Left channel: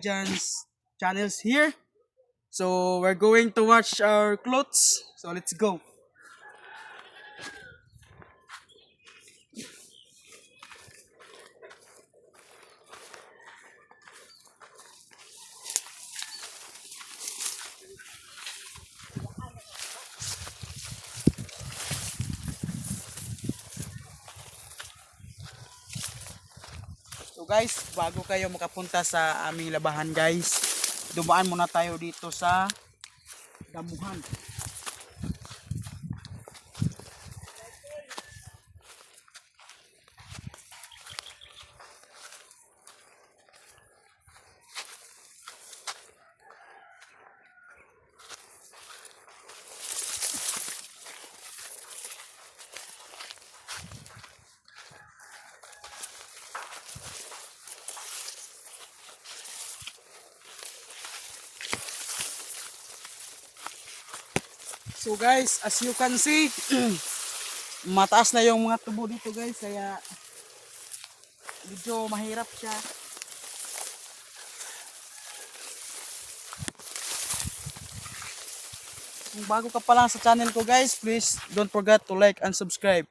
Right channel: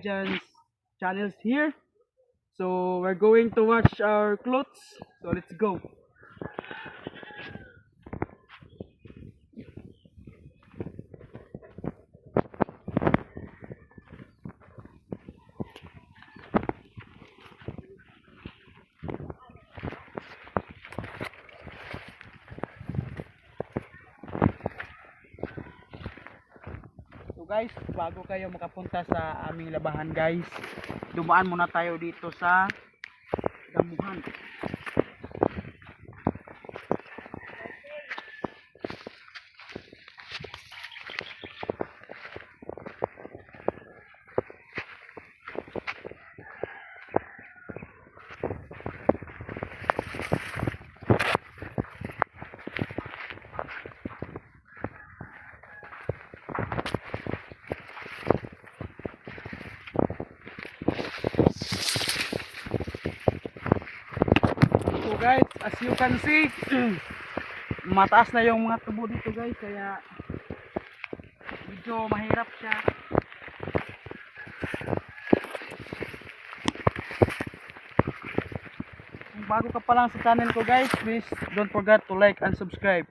Jan's channels here. So we're going to watch our clothes. So let's go. So guys, bago kayo makapunta sa aming labahan guys, dumaan muna tayo dito sa damuhan. So guys, as you can see, mataas na yung mga tubo dito guys, kaya medyo mahirap siya. Kung bago ka pa lang sa channel ko guys, please don't forget to like and subscribe.